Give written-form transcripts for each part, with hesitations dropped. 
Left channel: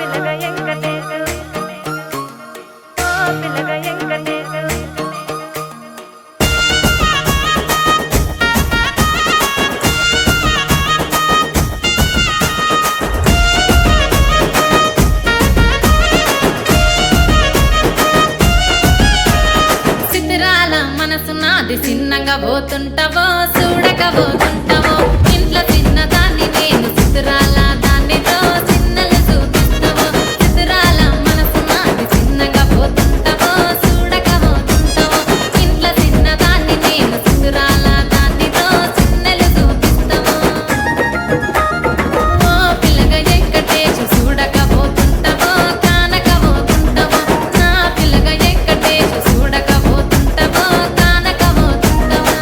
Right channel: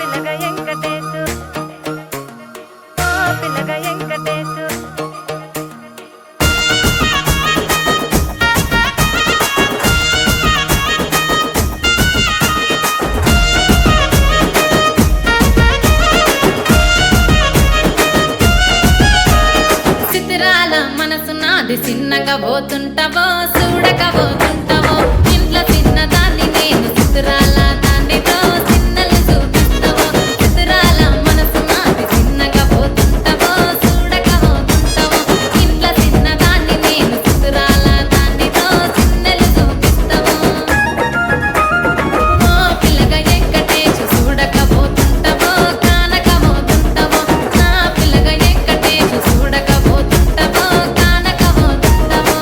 పిల్లగా వెంకటేశు ఓ పిల్లగా వెంకటేశు చిత్రాల మనసు నాది చిన్నగా పోతుంటావో చూడక పోతుంటావో ఇంట్లో చిన్నదాన్ని నేను చిత్రాల దానితో చిన్నలు చూపిస్తావో చిత్రాల మనసు నాది చిన్నగా పోతుంటావో చూడక పోతుంటావో ఇంట్లో చిన్నదాన్ని నేను చిత్రాల దానితో చిన్నలు చూపిస్తావో ఓ పిల్లగా వెంకటేశు చూడక పోతుంటావో కానక పోతుంటావో నా పిల్లగా వెంకటేశు చూడక పోతుంటావో కానక పోతుంటావో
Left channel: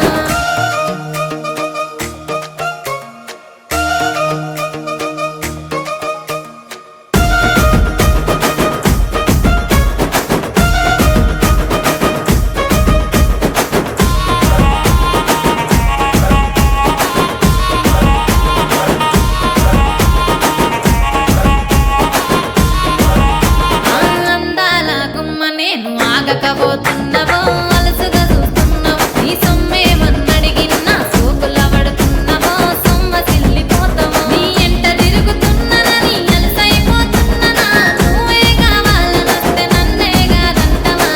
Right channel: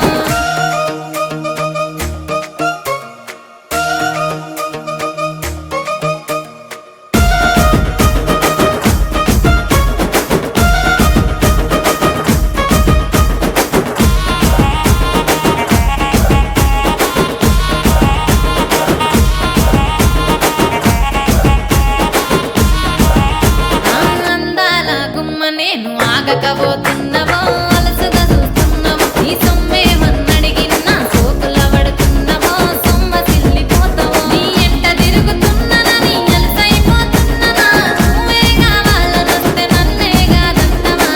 ఆ అందాల గుమ్మ నేను ఆగకపోతున్నావో అలసుగా చూస్తున్నావో నీ సొమ్మేమన్నడిగిన్నా సోకుల పడుతున్నావో సొమ్మ సిల్లిపోతావో నీ ఎంట తిరుగుతున్నానని అలసైపోతున్నానా నువ్వే కావాలనొస్తే నన్నే కాదంటవా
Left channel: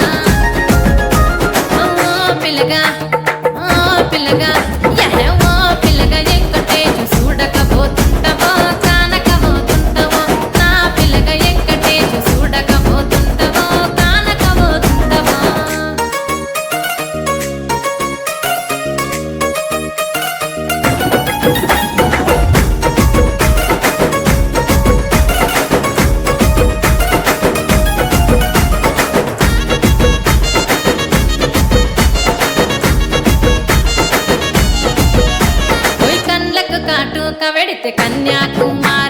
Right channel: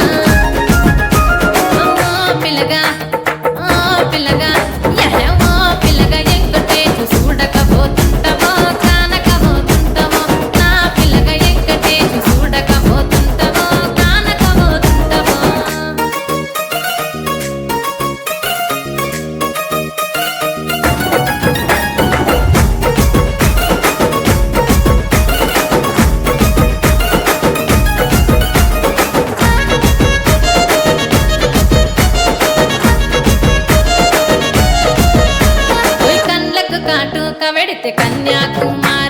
ఓ పిల్లగా ఓ పిల్లగా యహ ఓ పిల్లగా వెంకటేశు చూడకపోతుంటావో కానకపోతుంటావో నా పిల్లగా వెంకటేశు చూడకపోతుంటావో కానకపోతుంటావో ఓయ్ కండ్లకు కాటుక వెడితే కన్యాకుమారి